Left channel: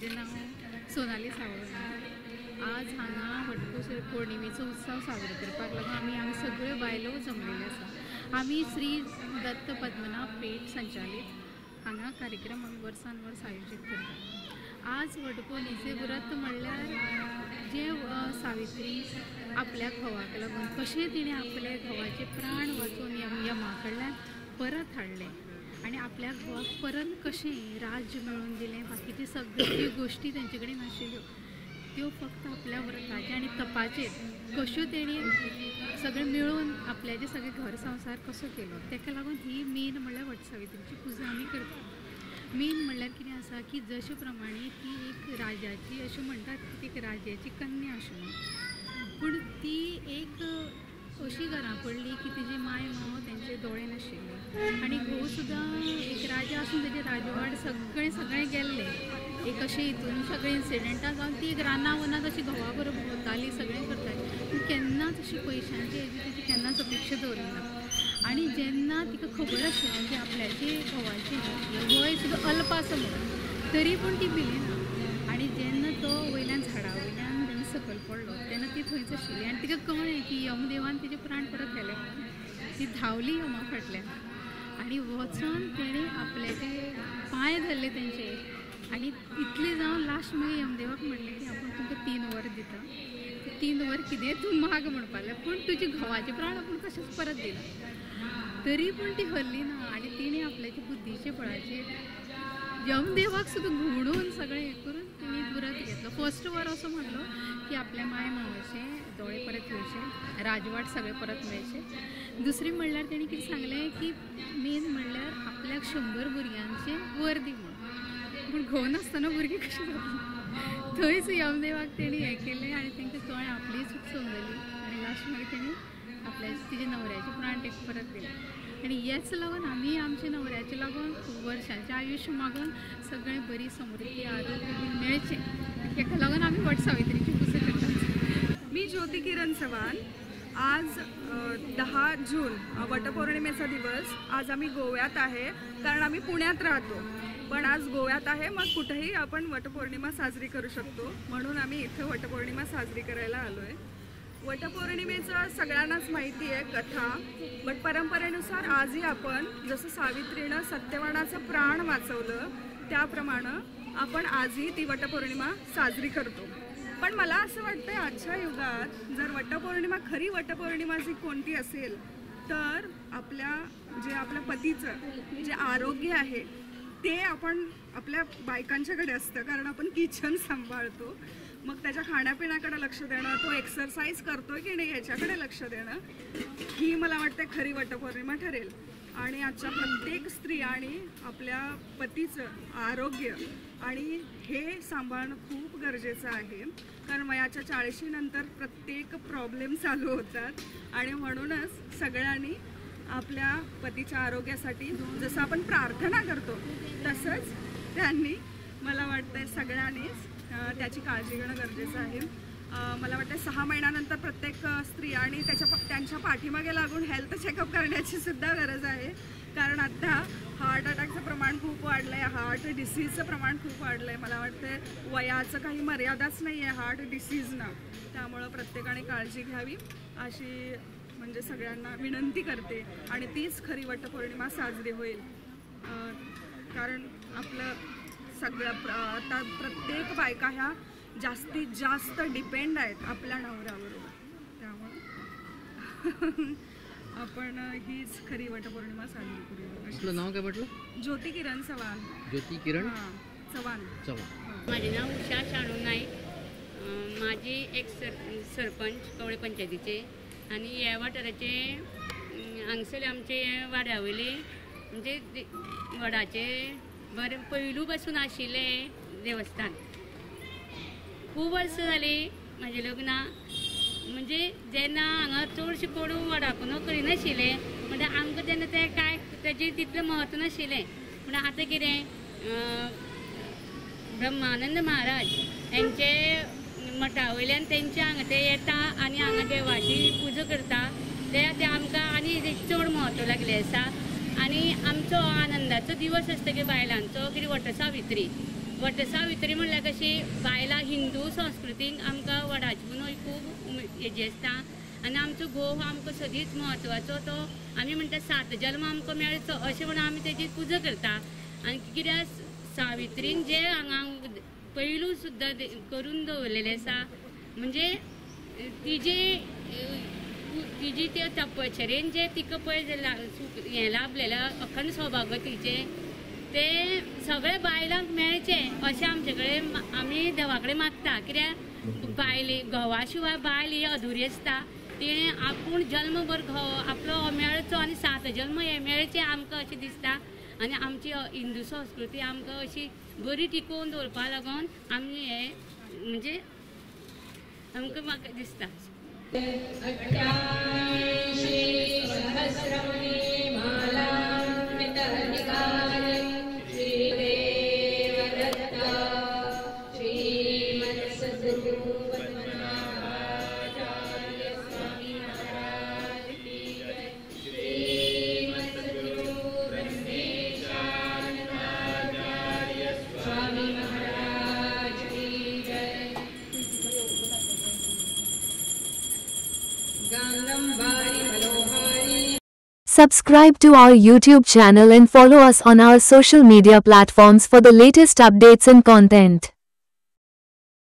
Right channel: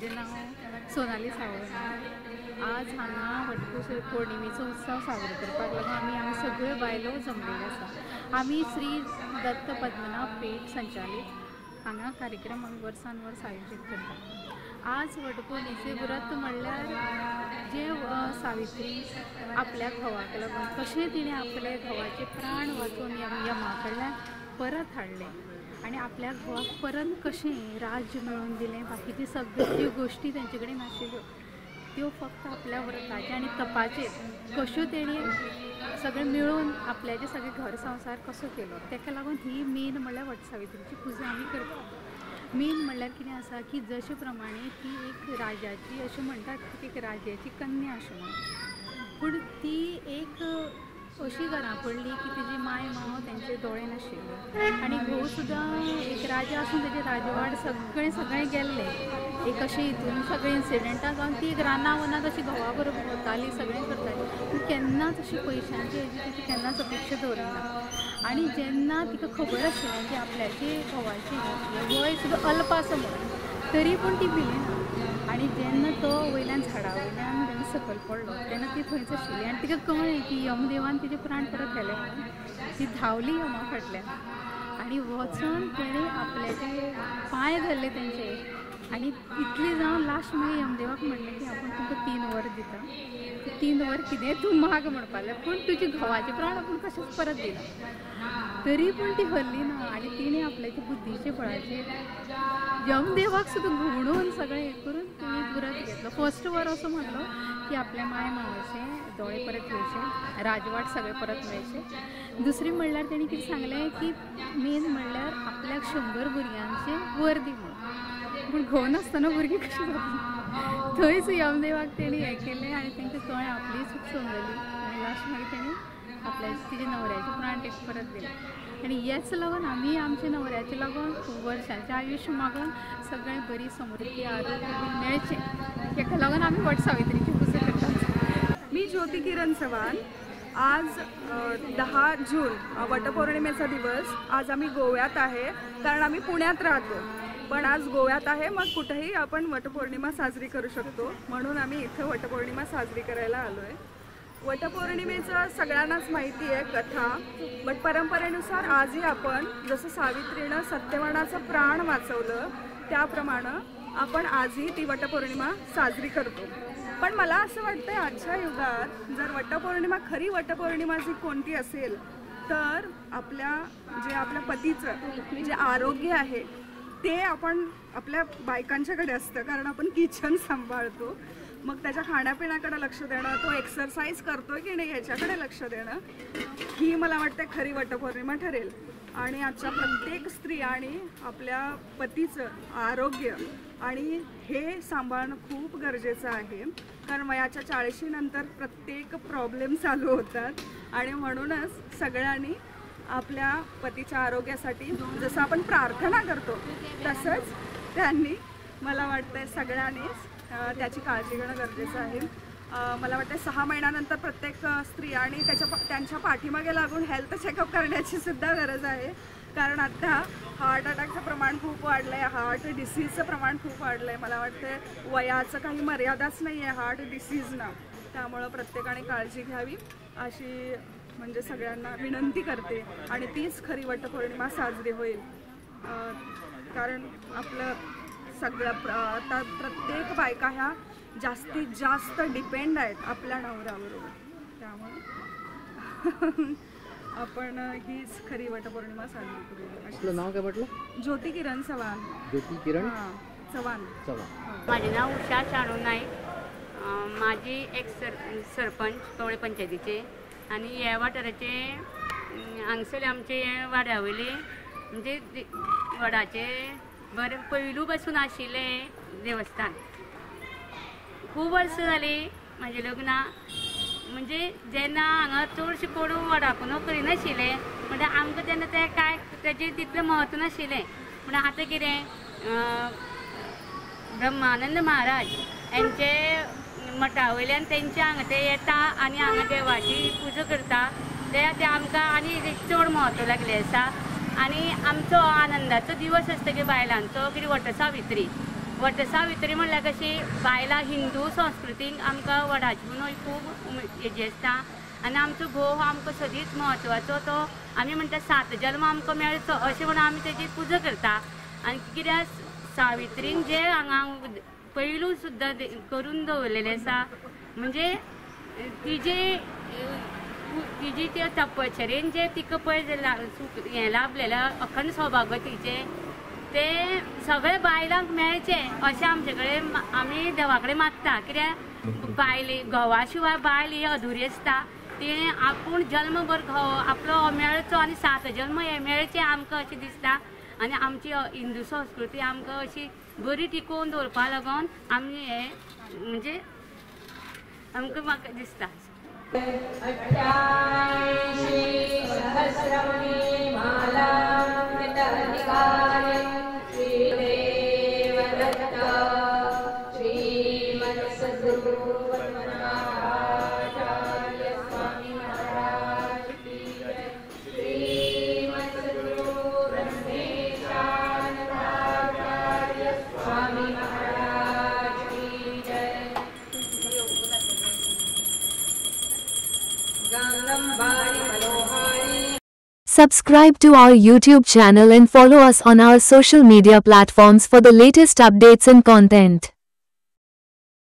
माझें नाव सोनाली सावळो। आज हांगा वटपौर्णिमेचो पौर्णिमेचो उत्सव साजरो करपाक लागून आमी सगळ्यो बायलो जमलेल्यो आसा। आमी श्री दत्त पद्मनाभ पेठ संचालित हांगा कार्यक्रम आमी वर्सान वर्स आयोजीत करता। आज वटपौर्णिमेचें व्रत म्हणल्यार जे सावित्री आपल्या घोवाक लागून कशें तिणें आपले घोवाचे प्राण वाचून यमा कडल्यान परत हाडले आणि आपल्या घोवाक परत कशें राज्य मेळोवन दिलें, बाकीचे सगळ्यो गोष्टी तेंचे कडेन नाशिल्ल्यो त्यो फक्त आपल्या व्रताचे आनी तपाचेर कश्यो तेणी सगळें मेळोवन आपल्याचे सगळे घर संसार कसो केलो, तेका लागून ही मेन म्हणल्यार वटसावित्रीची पुजा आमी करता। मेन म्हणल्यार कितें आसा की जशे प्रमाणे ती एक राजाची अशें म्हणटात की एक राजाची कन्या अशें म्हणून, पूण ती एक अशी घरां पडली की तिजी माय माव तेंचे दोळे नाशिल्ले आनी घोव सुद्दां एक राजा आसून तेजे राजवाड सगळें गेल्ले एक अशें हितून सगळे इन्सिडेंटां जावन ती एक रानां वनात अशी घोवा बरोबर वताली सगळें करताली, पूण केन्नाच अशी पयशांची हेजी तिची केन्नाच अपेक्षा दवरिना। आनी जेन्ना तिका खबर आशिल्लें की आपल्याचे घोवाचें वय सुद्दां अल्प आसा म्हणून तरी पूण ती भिलेना आनी जेन्ना तो वयल्यान झाडा वयल्यान तेन्ना सकयल पडलो तेन्ना ती थंयच आशिल्ली आनी तिका कळ्ळें की यमदेवान तिचे प्राण परत केले म्हणून ती धांवली यमा फाटल्यान आनी वचून तेणें आपल्याचे पांय धरले तेंचे आनी इतलें जावन लास्ट मागीर यमदेवाक म्हणलें की आपूण तुमकां 3 वर दिता, 3 वर कितें तूं माग म्हणपा लागलें, पूण तुजे घोवाचे प्राण आपूण कशेंच परत दिना। तरी पूण ती हल्ली ना आनी तिणें आपल्याचे बुद्धीचे बळाचेर यमदेवाक सुद्दां घुवणून सगळें हें करून तिणें व्रत घेतलो। फर्स्ट वर असो म्हणलो की आपल्या माय मावाचे दोळे परत येवचे, राजवाट सगळे परत मेळचे। दुसरी म्हणल्यार तेणी कितें सांगलें की मेन म्हणल्यार आपल्याक 100 भुरग्यांचे वर दी म्हणून, पूण घोव नासतना भुरगीं कशीं जातलीं, थंयच यमदेवाक तेणी हें केलें आनी तांकां कळ्ळें आपली चूक समजली आनी लास्ट मागीर तेणी आपल्या तिजे न्हवऱ्याचे प्राण तेका परत दिले आनी हेच लागून आमी आमच्या न्हवऱ्याचे लागून वर्सांचें आयुश्य मागून सगळें बरी समृद्धी आरोग्य मेळचें हेका लागून आमी वटसावित्रीची पुजा करतात। मी ज्योती किरण चव्हाण। आज 10 जून वटपौर्णिमेचा दिवस। आज आम्ही गोव्यात आहे कारण आम्ही पुण्यात राहतो, पण आज गोव्यात आहे, मग कुठेही आपण वटपौर्णिमा साजरी करू शकतो म्हणून आम्ही इथं वटपौर्णिमा साजरी करायला आलोय। वटपौर्णिमेचं सगळ्यांनाच माहिती आहे कथा, बट परंपरेनुसार आजही आपण जसं सावित्रीनं सत्यवानाचं प्राण वाचवलं त्याप्रमाणे आपण आजही ती वटपौर्णिमा साजरी करतो। पण मला असं वाटतंय आजच्या युगात जर वटपौर्णिमा खरी वटपौर्णिमा जी कोणती असेल तर आपल्या पतीचं जे आरोग्य आहे ते आपण आपल्या बायकांच्याकडे असतं, कारण आपण किचन सांभाळतो, मग त्याच्या खाण्यापिण्याकडे लक्ष देणं, तो एक्सरसाइज करतोय की नाही याच्याकडे लक्ष देणं ही मला वाटते खरी वटपौर्णिमा ठरेल। आणि आजच्या प्रत्येक स्त्रियांनी आपल्या पतीचं आरोग्य आणि हे सांभाळणं खूप गरजेचं आहे, कारण वयाच्या 40 नंतर प्रत्येक प्रॉब्लेम चालू होतात आणि म्हणूनच सगळ्यांनी आपल्या पतीच्या आरोग्यासाठी जसं आपण प्रार्थना करतो तसंच त्यांनी मला वाटतं सगळ्यांनीच त्याची काळजी घेणं गरजेचं आहे। मला वाटतं 6 महिन्यानंतर प्रत्येक स्त्रियांनी त्यांच्या पाठीमागे लागून हेल्थ चेकअप करण्याची सुद्धा गरज आहे, कारण आता हार्ट अटॅकचं प्रमाण खूप वाढलं आहे, हार्ट डिसीजचं प्रमाण खूप वाढलं आहे। मला वाटतं वयाचं काही मर्यादाच नाही आहे हार्ट डिसीजनं, त्यामुळं प्रत्येकाने काळजी घ्यावी अशी म्हणजे सगळ्यांना विनंती करते आणि तीच खरी वटपौर्णिमा साजरी होईल। कारण आपलं सगळं आता प्रत्येक बायका ह्या जास्तीत जास्त डिपेंड आहेत आपल्या नवऱ्याबरोबर, त्यामुळे आपण हीच खरी वटपौर्णिमा साजरी करूया। आपलं नाव काय म्हटलं? ज्योती किरण चव्हाण। ज्योती किरण चव्हाण। माझे नाव उषा शाणू नाईक, माझी एक सरपंच कवळे पंचायतीचे आणि ह्या वाठाराचे हांगसर आमचे वाड्यावयले म्हणजे वडाचे बरें पयलू पासून आशिल्ले देवस्थान। खूब वर्सां जालीं म्हाजे लग्ना, म्हणजे जेन्ना हांगा चडशें कोण वडापून करिनाशिल्ले म्हणजे आमकां तेन्ना तें कांय तेजें तितलें म्हत्व नाशिल्लें, पूण आतां कितें ब्रह्मानंद महाराज यांचे मठा वयल्यान तेंचे हांगा ते येता आनी हांगा देवाची पुजा करता, ते आमकां आनी चड म्हत्व लागलें आसा। आनी आमचो आनंदाचो दिवस आसता की बायलांचो कितें वटसावित्री वटसावित्री म्हणल्यार कशी बायलां हिंदू संस्कृतीक आमकां वडाची पुनोय खूब हेजी आसता आनी आमचो घोव हो आमकां सदींच म्हत्वाचो तो आमी म्हणटा 7 जल्म आमकां मेळचो अशें म्हणून आमी तेजी पुजा करता आनी कित्याक सावित्रीन जे हांगा पयलू सुद्दां करून दवरलेलें आसा म्हणजे तिजी त्या तपश्चर्येन जे तिका पळय हें लाभलेलें अखंड सौभाग्यवतीचें ते सगळे बायलांक मेळचें अशें आमचे कडेन आमी देवा कडेन मागता कित्याक बायली घोवा शिवाय बायल ही अधुरी आसता तिणें आपूण जल्मभर घोव आपलो मेळचो आनी 7 जल्म हे मेळचे आमकां अशें दिसता आनी आमची हिंदू संस्कृती आमकां अशी बरी टिकोवन दवरपा लागून आमी हे म्हणजे आमकां म्हाका दिसता. Subscribe to our YouTube channel and follow us on our social media platforms for the latest updates and content.